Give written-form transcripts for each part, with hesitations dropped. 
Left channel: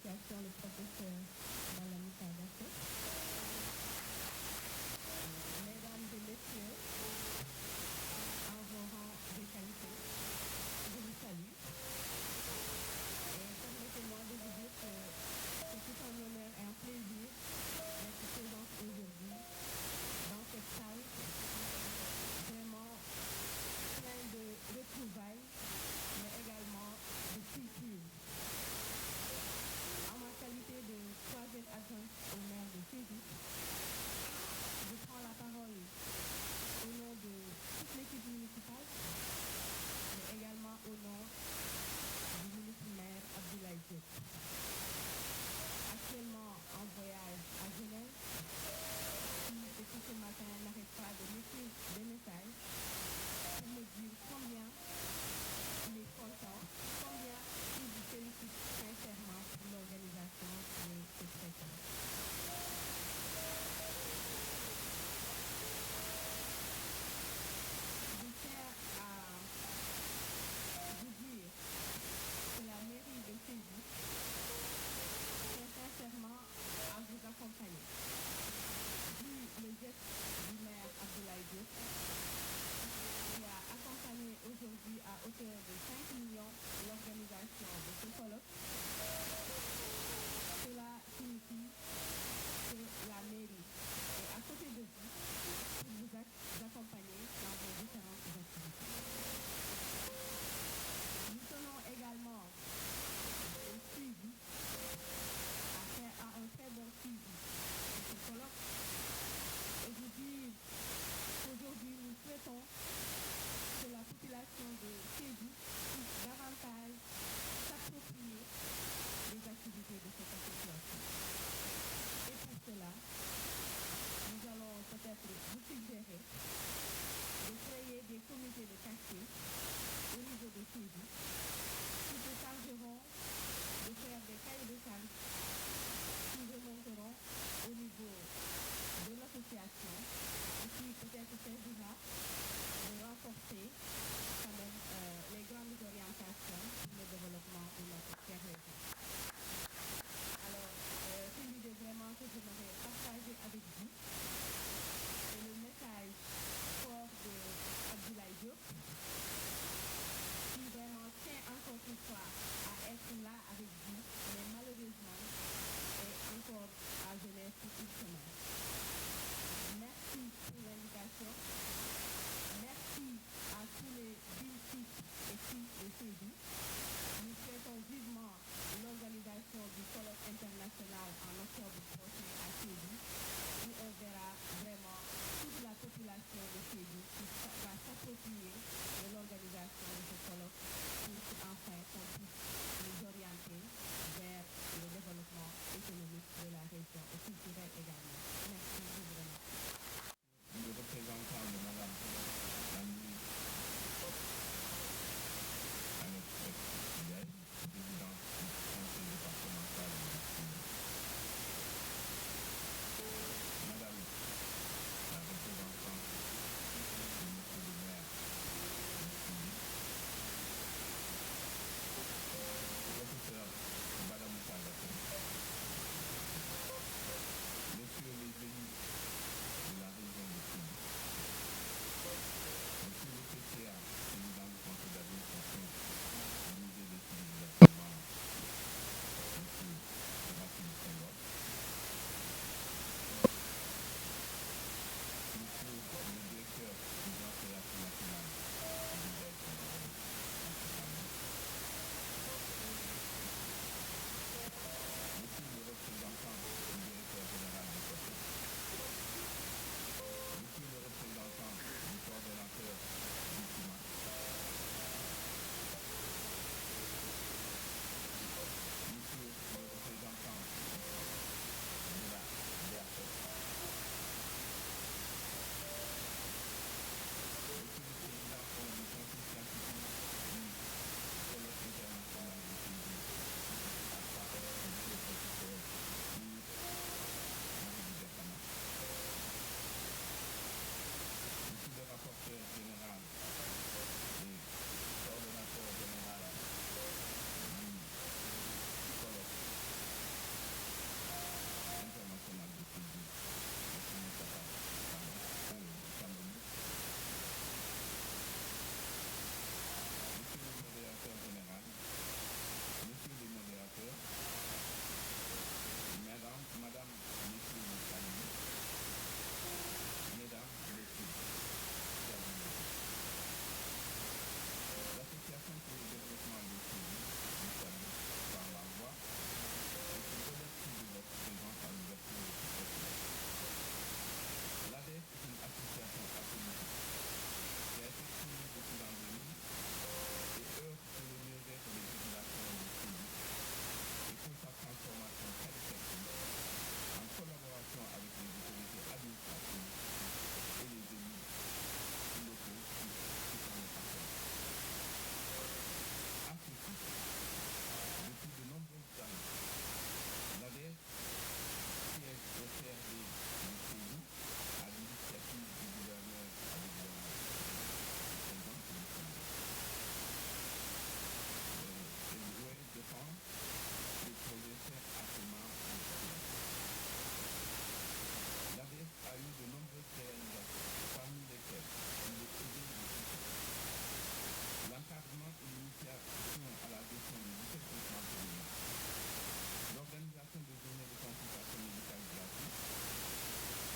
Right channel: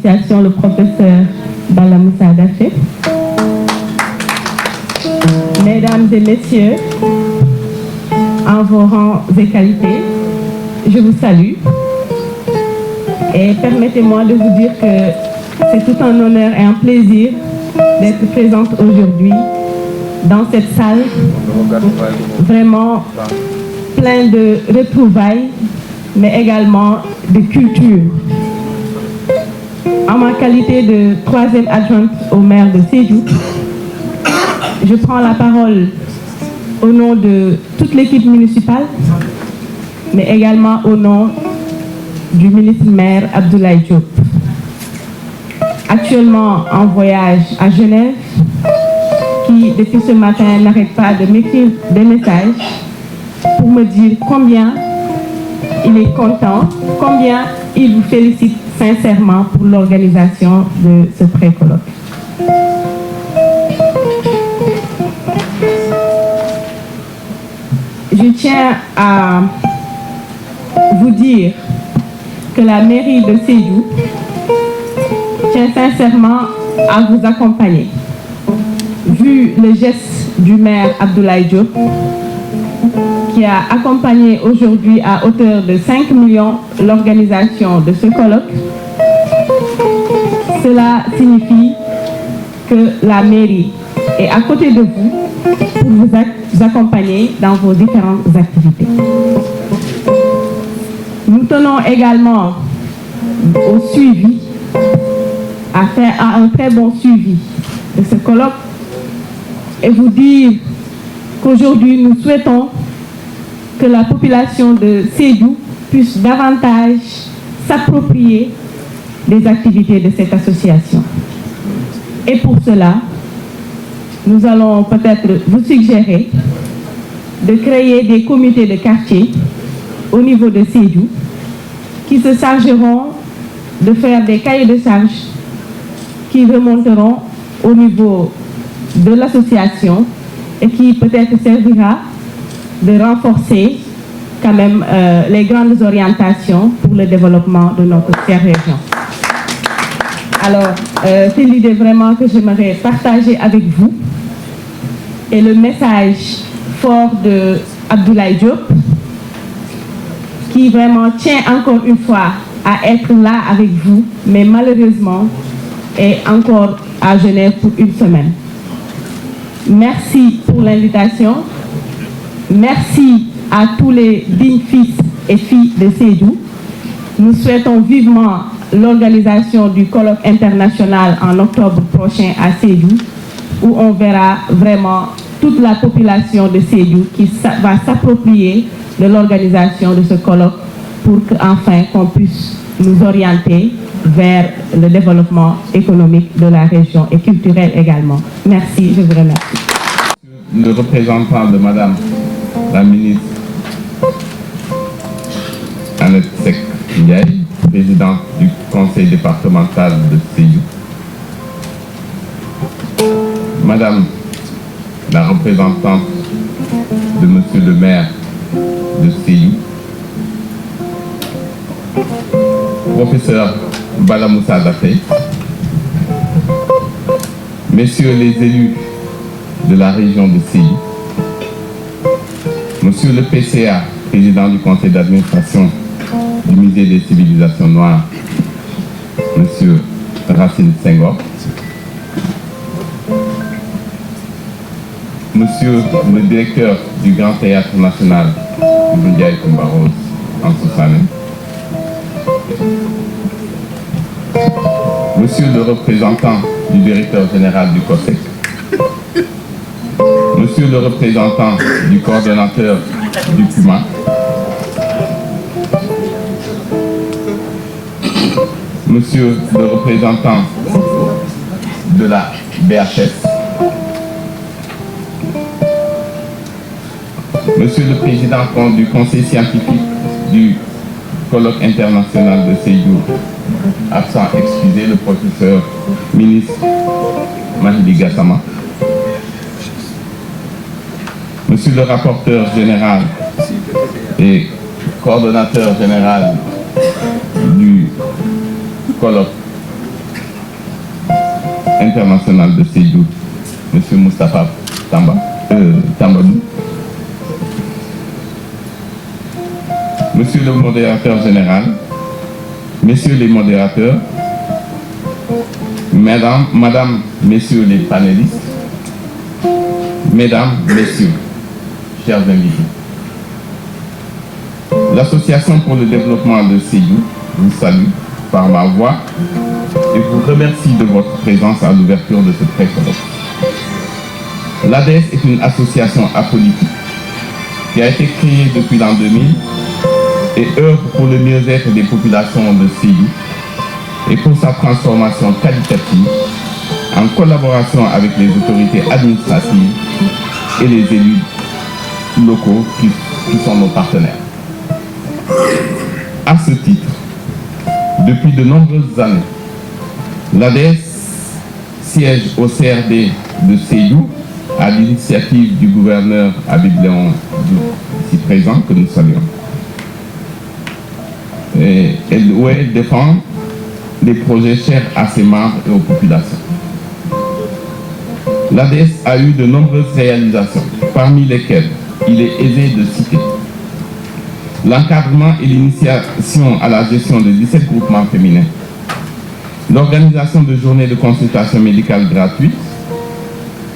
d'initiation, le professeur Bala Moussa Daffé. Mesdames et messieurs, en vos rangs et qualités, je vous salue. Et permettez-moi de vous dire que c'est tout un honneur et un plaisir d'être présente aujourd'hui dans cette salle vraiment plein de retrouvailles, mais également de culture. En ma qualité de troisième adjointe au maire de Sédhiou, je prends la parole au nom de toute l'équipe municipale, mais également au nom du ministre-maire Abdoulaye Diop. Actuellement en voyage à Genève, qui depuis ce matin n'arrête pas de m'écrire des messages pour me dire combien il est content, combien il vous félicite sincèrement pour l'organisation de ce pré-colloque. Je tiens à vous dire que la mairie de Sédhiou tient sincèrement à vous accompagner. Vu le geste du maire Abdoulaye Diop, qui a accompagné aujourd'hui à hauteur de 5 millions l'organisation de ce colloque, cela signifie que la mairie est à côté de vous pour vous accompagner dans vos différentes activités. Nous tenons également au suivi, à faire un très bon suivi de ce colloque et vous dire qu'aujourd'hui nous souhaitons que la population de Sédhiou puisse davantage s'approprier des activités de cette association. Et pour cela, nous allons peut-être vous suggérer de créer des comités de quartier au niveau de Sédhiou qui se chargeront de faire des cahiers de charges qui remonteront au niveau de l'association et qui peut-être servira de renforcer quand même les grandes orientations pour le développement de notre chère région. Alors, c'est l'idée vraiment que j'aimerais partager avec vous et le message fort de Abdoulaye Diop qui vraiment tient encore une fois à être là avec vous, mais malheureusement est encore à Genève pour une semaine. Merci pour l'invitation. Merci à tous les dignes fils et filles de Sédhiou. Nous souhaitons vivement l'organisation du colloque international en octobre prochain à Sédhiou, où on verra vraiment toute la population de Sédhiou qui va s'approprier de l'organisation de ce colloque pour qu'enfin qu'on puisse nous orienter vers le développement économique de la région et culturel également. Merci, je vous remercie. Le représentant de Madame la ministre Annette Seck Ndiaye, présidente du conseil départemental de Sédhiou. Madame la représentante de Monsieur le maire de Sédhiou. Professeur Bala Moussa Daffé. Messieurs les élus de la région de Sédhiou. Monsieur le PCA, président du conseil d'administration du musée des civilisations noires, Monsieur Racine Senghor. Monsieur le directeur du Grand Théâtre National, Ndiaye Coumba Rose, en Soussané. Monsieur le représentant du directeur général du COSEC. Monsieur le représentant du coordonnateur du PUMA. Monsieur le représentant de la BHS. Monsieur le président du conseil scientifique du colloque international de Sédhiou, absent excusé, le professeur ministre Mahdi Gassama. Monsieur le rapporteur général et coordonnateur général du colloque international de Sédhiou, M. Moustapha Tambadou, Monsieur le modérateur général, Messieurs les modérateurs, Madame, Messieurs les panélistes, Mesdames, Messieurs, chers invités. L'Association pour le développement de Sédhiou vous salue par ma voix et vous remercie de votre présence à l'ouverture de ce pré-colloque. L'ADES est une association apolitique qui a été créée depuis l'an 2000 et œuvre pour le mieux-être des populations de Sédhiou et pour sa transformation qualitative en collaboration avec les autorités administratives et les élus locaux qui sont nos partenaires. À ce titre, depuis de nombreuses années, l'ADES siège au CRD de Sédhiou à l'initiative du gouverneur Habib Léon, ici présent, que nous saluons. Et elle défend des projets chers à ses membres et aux populations. L'ADES a eu de nombreuses réalisations, parmi lesquelles il est aisé de citer l'encadrement et l'initiation à la gestion de 17 groupements féminins, l'organisation de journées de consultation médicale gratuite,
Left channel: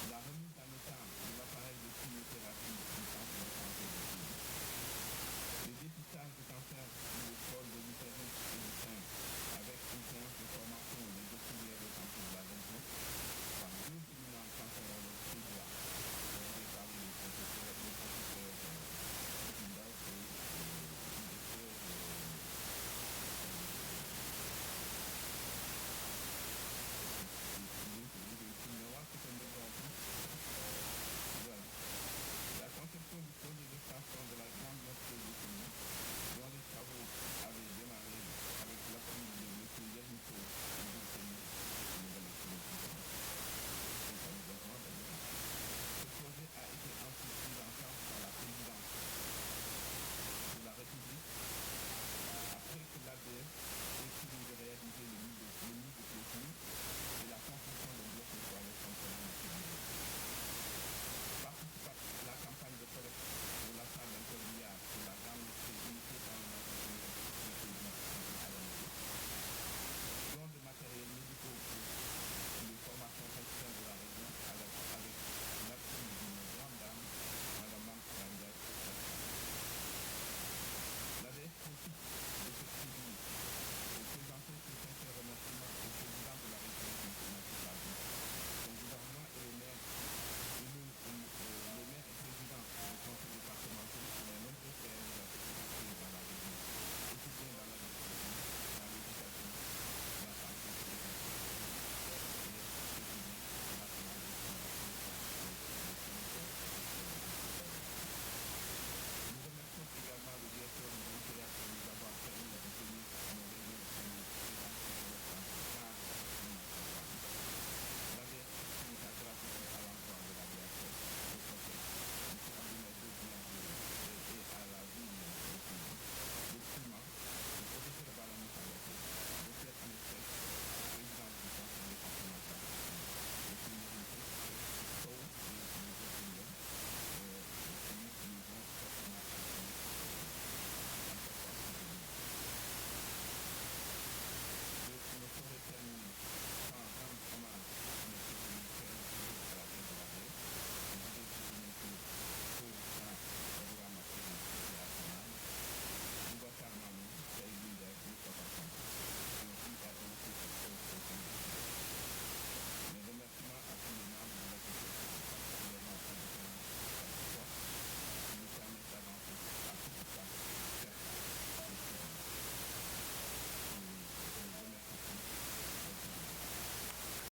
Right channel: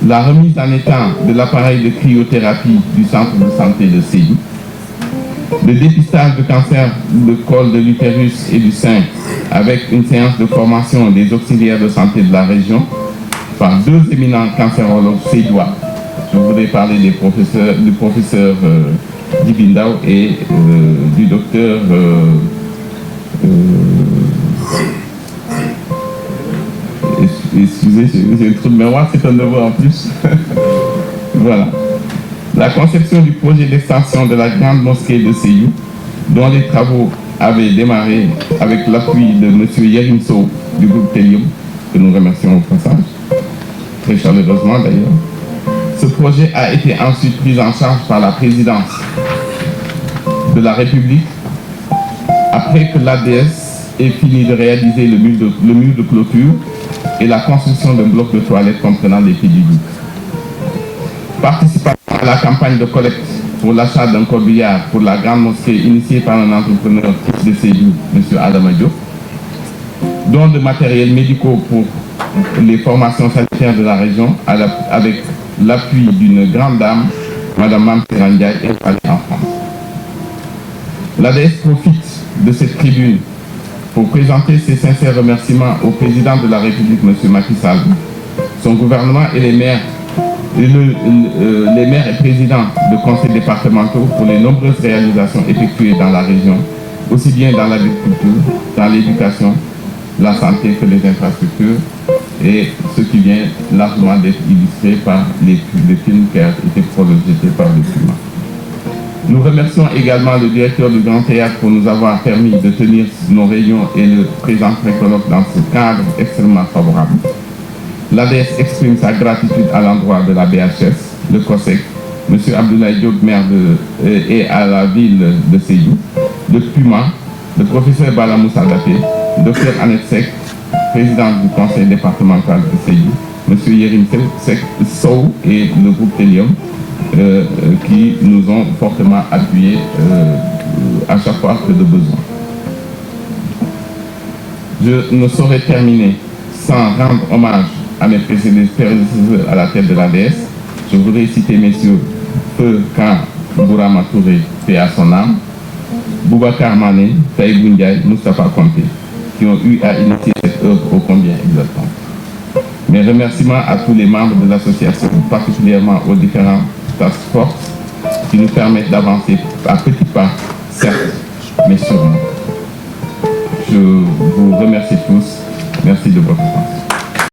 la remise en état de l'appareil de cryothérapie du centre de santé de Sédhiou, le dépistage de cancer de col de l'utérus et du sein avec une séance de formation des auxiliaires de santé de la région par 2 éminents cancérologues sédhiouis. Je voudrais parler du professeur Dibindao et du docteur excusez, j'ai un trou de mémoire, c'est un devoir en plus. Voilà. La conception du projet d'extension de la grande mosquée de Sédhiou, dont les travaux avaient démarré avec l'appui de M. Yerim Sow du groupe Telium, que nous remercions au passage, très chaleureusement d'ailleurs. Ce projet a été ensuite pris en charge par la présidence de la République après que l'ADES ait fini de réaliser le mur de clôture et la construction d'un bloc de toilettes comprenant des pieds du lit. Participant à la campagne de collecte pour l'achat d'un corbillard pour la grande mosquée initiée par un entrepreneur de Sédhiou, M. Adama Diop, dont de matériels médicaux pour les formations sanitaires de la région avec l'appui d'une grande dame, Mme Mamsera Ndiaye, installée en France. L'ADES profite de cette tribune pour présenter ses sincères remerciements au président de la République, M. Macky Sall, son gouvernement et les maires et présidents de conseils départementaux pour les nombreuses réalisations effectuées dans la région, aussi bien dans l'agriculture, dans l'éducation, la santé que les infrastructures, et ce qui vient largement d'être illustré par les films qui ont été projetés par le climat. Nous remercions également le directeur du Grand Théâtre pour nous avoir permis de tenir nos réunions et le présent pré-colloque dans ce cadre extrêmement favorable. L'ADES exprime sa gratitude à l'endroit de la BHS, le COSEC, M. Abdoulaye Diop, maire et à la ville de Sédhiou, le PUMA, le professeur Bala Moussa Daté, Dr Annette Seck, présidente du conseil départemental de Sédhiou, M. Yerim Sow et le groupe Telium, qui nous ont fortement appuyés à chaque fois que de besoin. Je ne saurais terminer sans rendre hommage à mes précédents à la tête de l'ADES. Je voudrais citer messieurs Feu Kan Bourama Touré, paix à son âme, Boubacar Mané, Taïbou Ndiaye, Moustapha Konté, qui ont eu à initier cette œuvre ô combien exaltante. Mes remerciements à tous les membres de l'association, particulièrement aux différents task force qui nous permettent d'avancer à petits pas, certes, mais sûrement. Je vous remercie tous. Merci de votre attention.